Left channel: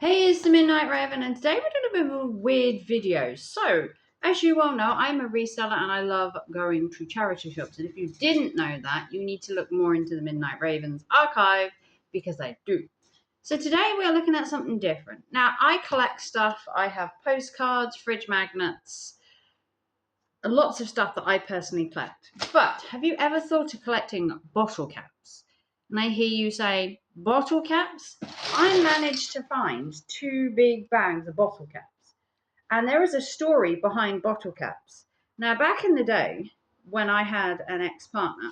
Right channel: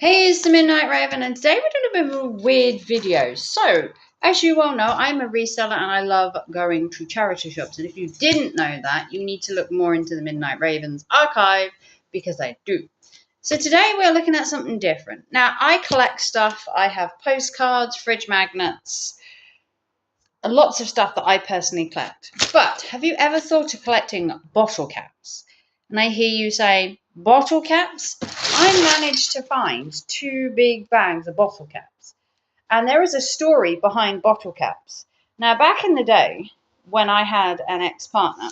Hey, it's the Midnight Raven, and today we're doing a bit of a weird video. So, as you all know, I'm a reseller and I love going to charity shops. And if you didn't know that, you need to look more into the Midnight Ravens archive because I do. So, today we're looking at something different. Now, I collect stuff, I have postcards, fridge magnets, and lots of stuff that I personally collect. But have you ever thought of collecting bottle caps? And I hear you say, bottle caps? I managed to find 2 big bags of bottle caps. And there is a story behind bottle caps. Now, back in the day, when I had an ex partner,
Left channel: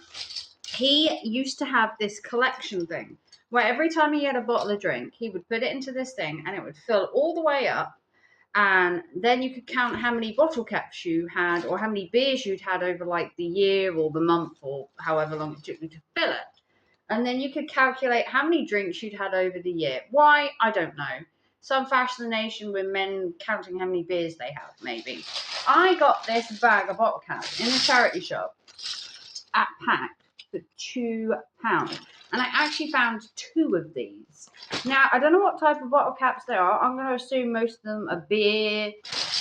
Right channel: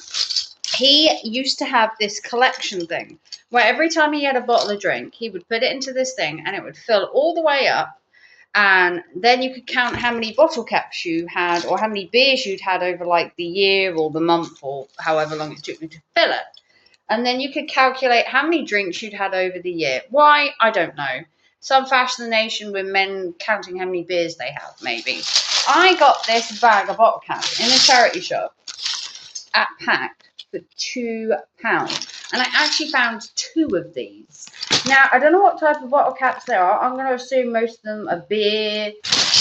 he used to have this collection thing where every time he had a bottle of drink, he would put it into this thing and it would fill all the way up, and then you could count how many bottle caps you had or how many beers you'd had over like the year or the month or however long it took you to fill it. And then you could calculate how many drinks you'd had over the year. Why? I don't know. Some fascination with men counting how many beers they have, maybe. I got this bag of bottle caps in a charity shop at Pact for £2. And I actually found 2 of these. Now, I don't know what type of bottle caps they are. I'm going to assume most of them are beer.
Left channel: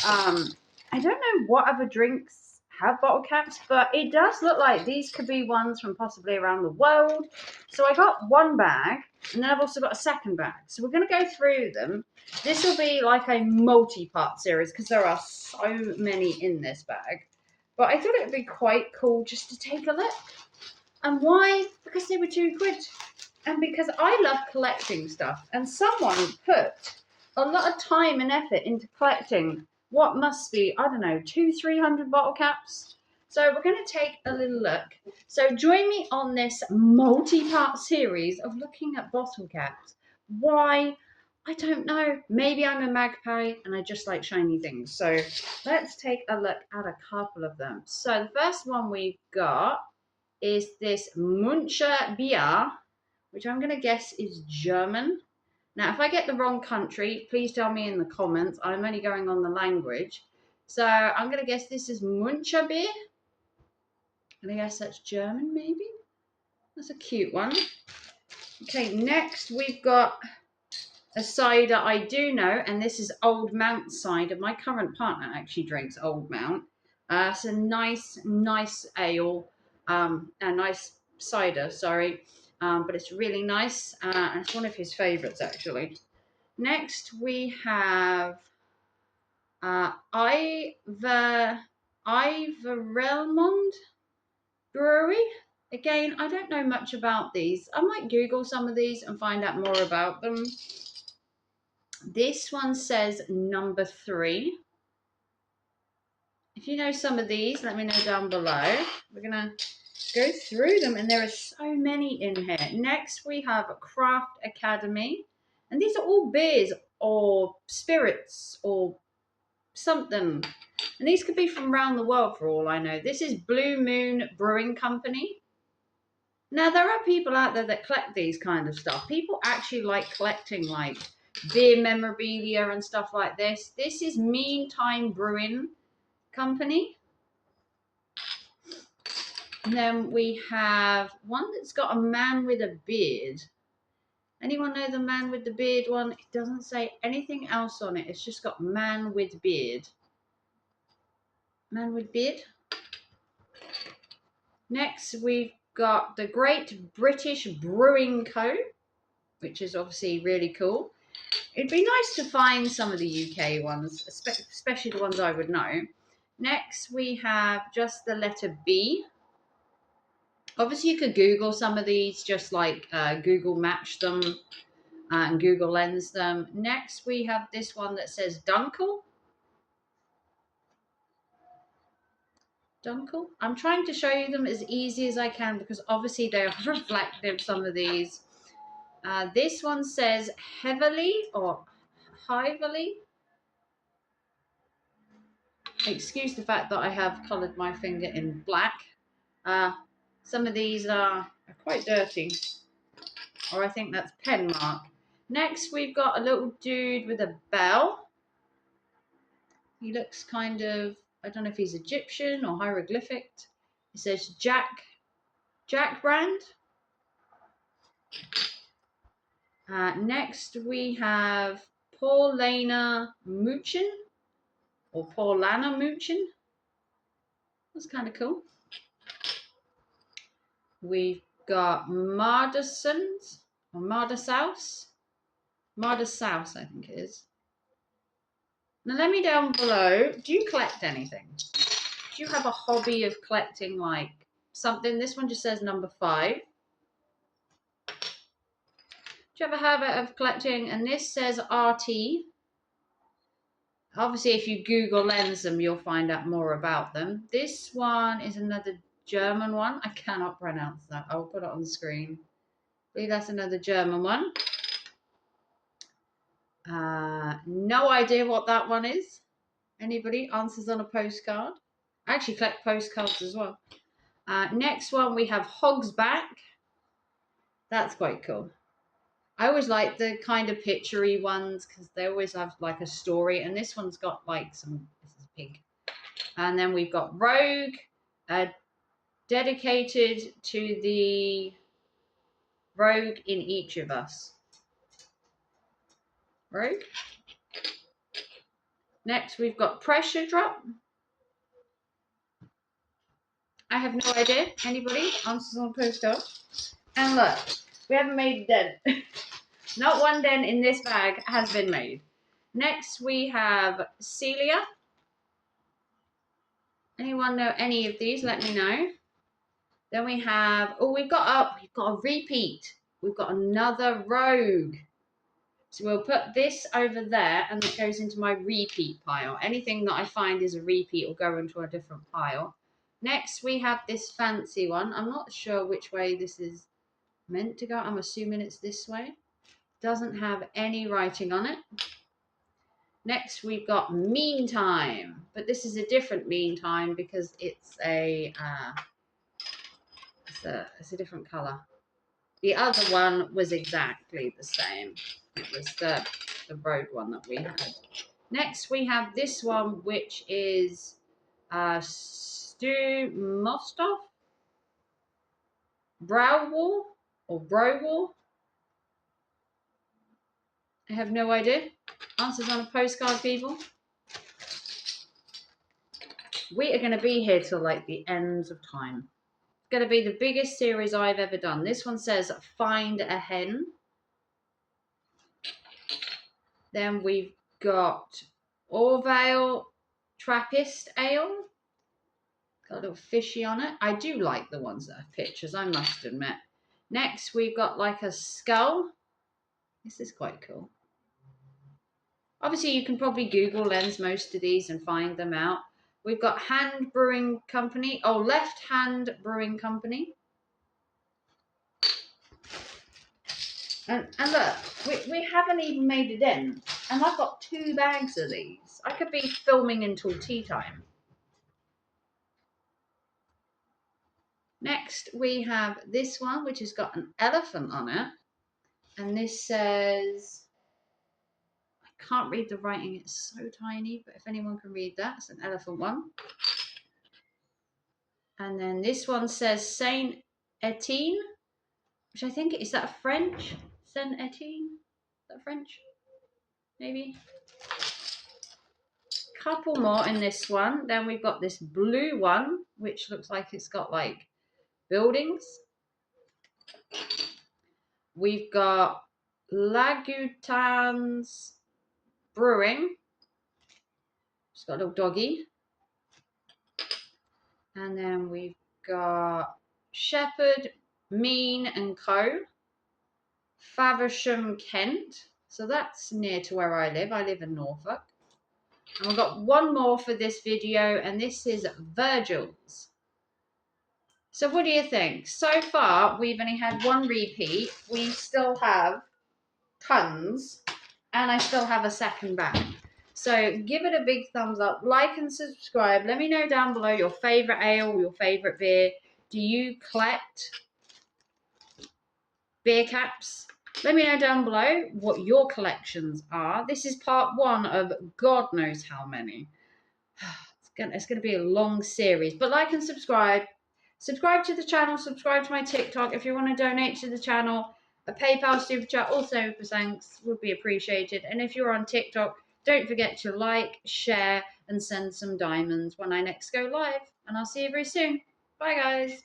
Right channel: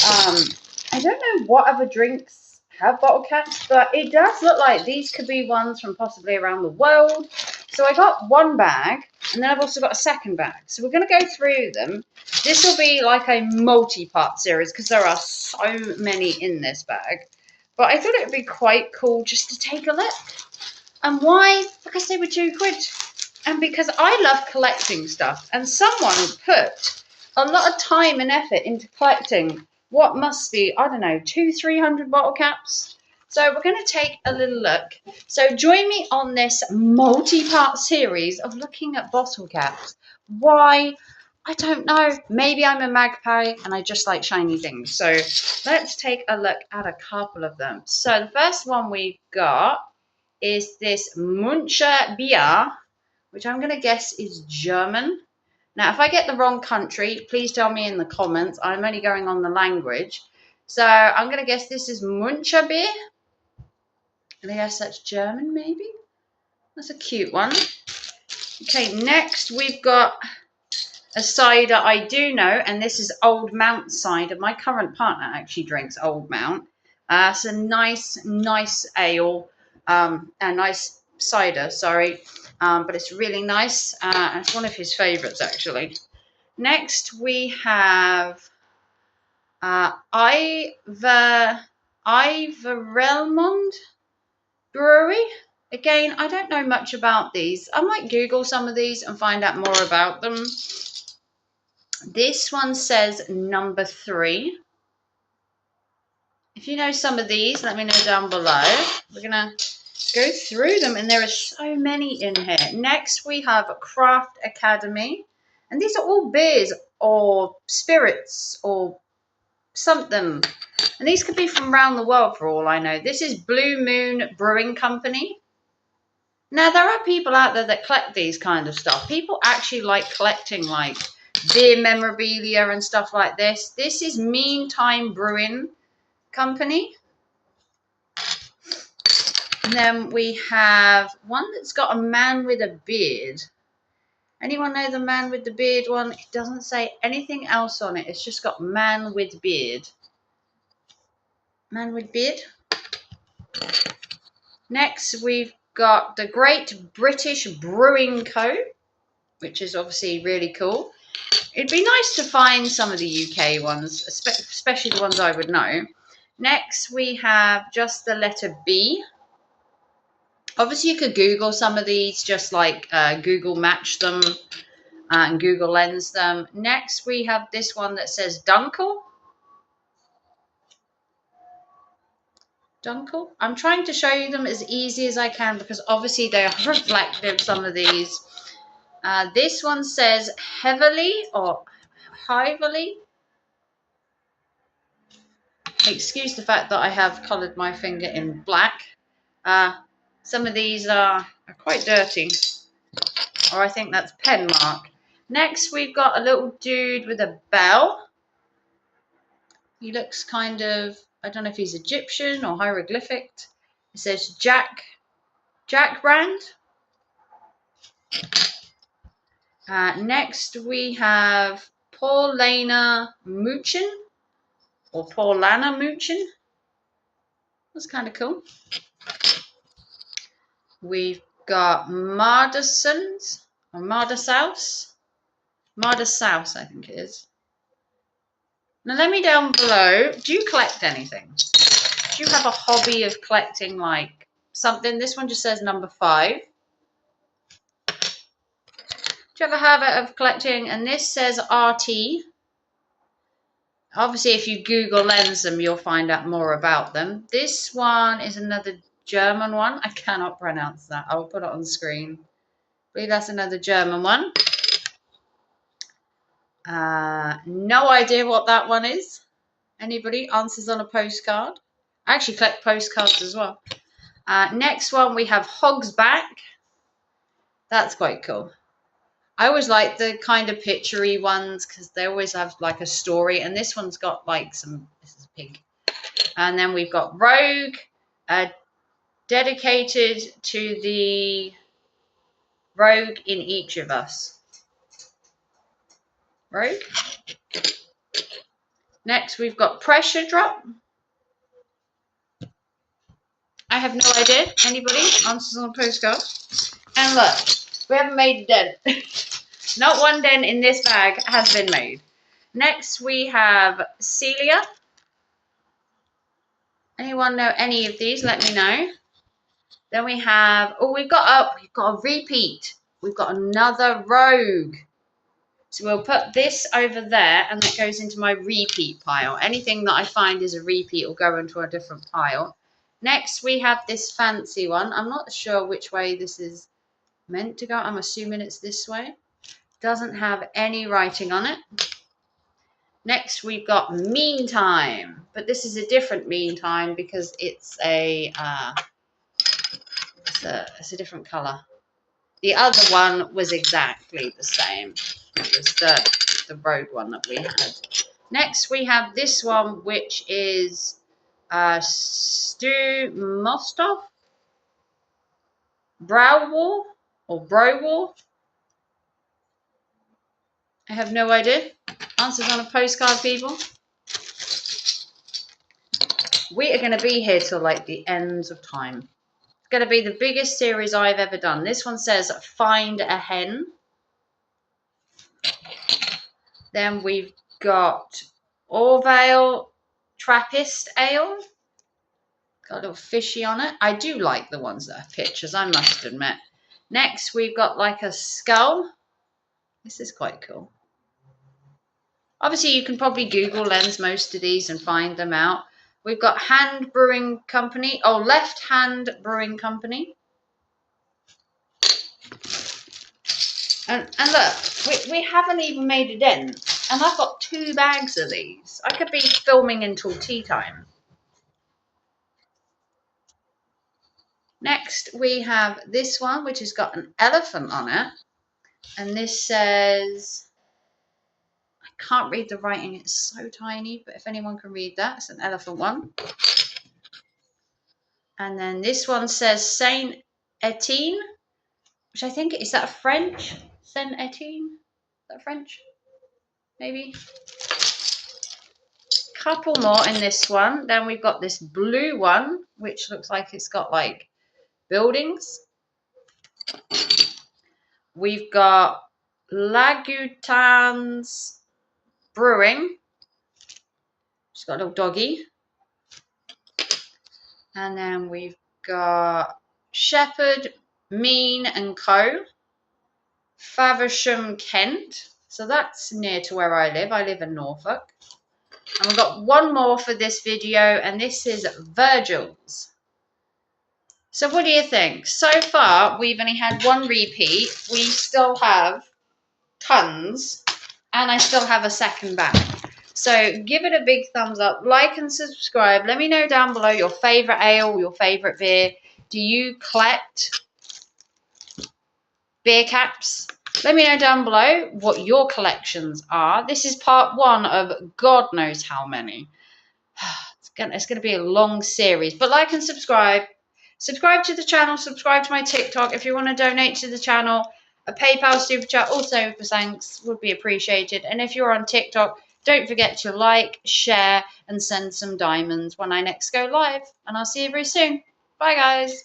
I don't know what other drinks have bottle caps, but it does look like these could be ones from possibly around the world. So I got 1 bag, and then I've also got a second bag. So we're going to go through them. This will be like a multi-part series because there are so many in this bag. But I thought it would be quite cool just to take a look. And why? Because they were £2. And because I love collecting stuff. And someone put a lot of time and effort into collecting what must be, I don't know, 200-300 bottle caps. So we're going to take a little look. So join me on this multi-part series of looking at bottle caps. Why? I don't know. Maybe I'm a magpie and I just like shiny things. So let's take a look at a couple of them. So the first one we've got is this Muncher Bier, which I'm going to guess is German. Now, if I get the wrong country, please tell me in the comments. I'm only going on the language. So I'm going to guess this is Muncher Bier. And I guess that's German, maybe? That's a cute one. Okay, next we've got a cider I do know, and this is Old Mount cider. My current partner actually drinks Old Mount. It's a nice ale, a nice cider, sorry, but it's really nice. It's one of his favourites, actually. Next, we have Iverelmond Brewery. Again, I don't know much about these. I might Google some of these and find out more about them. This one says number 3. If you know some of these, let me know down below. We're going to go through them, and there are so many in here. Next, we have Craft Academy. And these are all beers or spirits or something. And these could be from around the world for all I know. This is Blue Moon Brewing Company. Now, there are people out there that collect these kind of stuff. People actually like collecting like beer memorabilia and stuff like this. This is Meantime Brewing Company. And then we have one that's got a man with a beard. Anyone know the man with the beard one? It doesn't say anything else on it. It's just got man with beard. Man with beard. Next, we've got the Great British Brewing Co., which is obviously really cool. It'd be nice to find some of the UK ones, especially the ones I would know. Next, we have just the letter B. Obviously, you could Google some of these, just like Google match them and Google lens them. Next, we have this one that says Dunkel. Dunkel. I'm trying to show you them as easy as I can because obviously they are reflective, some of these. This one says Heavily or Hively. Excuse the fact that I have coloured my finger in black. Some of these are quite dirty, or I think that's pen mark. Next, we've got a little dude with a bell. He looks kind of, I don't know if he's Egyptian or hieroglyphic. It says Jack Brand. Next, we have Paulana Muchin or Paulana Muchin. That's kind of cool. We've got Mardasons or Mardasaus. Mardasaus, I think it is. Now let me down below, do you collect anything? Do you have a hobby of collecting like something? This one just says number 5. Do you have a habit of collecting? And this says RT. Obviously, if you Google lens them, you'll find out more about them. This one is another German one. I cannot pronounce that. I'll put it on the screen. I believe that's another German one. No idea what that one is. Anybody? Answers on a postcard. I actually collect postcards as well. Next one, we have Hogsback. That's quite cool. I always like the kind of picture-y ones because they always have like a story. And this one's got like some, this is a pig. And then we've got Rogue, dedicated to the rogue in each of us. Rogue. Next, we've got Pressure Drop. I have no idea. Anybody? Answers on a postcard. And look, we haven't made a dent. Not one dent in this bag has been made. Next, we have Celia. Anyone know any of these? Let me know. Then we have, oh, we've got a repeat. We've got another Rogue. So we'll put this over there, and that goes into my repeat pile. Anything that I find is a repeat will go into a different pile. Next, we have this fancy one. I'm not sure which way this is meant to go. I'm assuming it's this way. Doesn't have any writing on it. Next, we've got Meantime, but this is a different Meantime because it's a different color. The other one was exactly the same. It was the Rogue one that we had. Next, we have this one, which is Stu Mostov, Brow War or Bro War. I have no idea. Answers on a postcard, people. We are going to be here till like the ends of time. It's going to be the biggest series I've ever done. This one says Find a Hen. Then we've got Orvale Trappist Ale. Got a little fishy on it. I do like the ones that have pictures, I must admit. Next, we've got like a skull. This is quite cool. Obviously, you can probably Google lens most of these and find them out. We've got Hand Brewing Company. Oh, Left Hand Brewing Company. And look, we haven't even made a dent. And I've got 2 bags of these. I could be filming until tea time. Next, we have this one, which has got an elephant on it. And this says, I can't read the writing, it's so tiny, but if anyone can read that, it's an elephant one. And then this one says Saint Etienne, which I think, is that French? Saint Etienne? Is that French? Maybe. Couple more in this one. Then we've got this blue one, which looks like it's got like buildings. We've got Lagutans Brewing. She's got a little doggy. And then we've got Shepherd, Mean and Co. Faversham, Kent. So that's near to where I live. I live in Norfolk. And we've got one more for this video, and this is Virgil's. So what do you think? So far, we've only had 1 repeat. We still have tons, and I still have a second bag. So give it a big thumbs up, like and subscribe. Let me know down below your favourite ale, your favourite beer. Do you collect beer caps? Let me know down below what your collections are. This is part 1 of God knows how many. It's going to be a long series, but like and subscribe. Subscribe to the channel, subscribe to my TikTok if you want to donate to the channel. A PayPal super chat, also for thanks, would be appreciated. And if you're on TikTok, don't forget to like, share, and send some diamonds when I next go live. And I'll see you very soon. Bye, guys.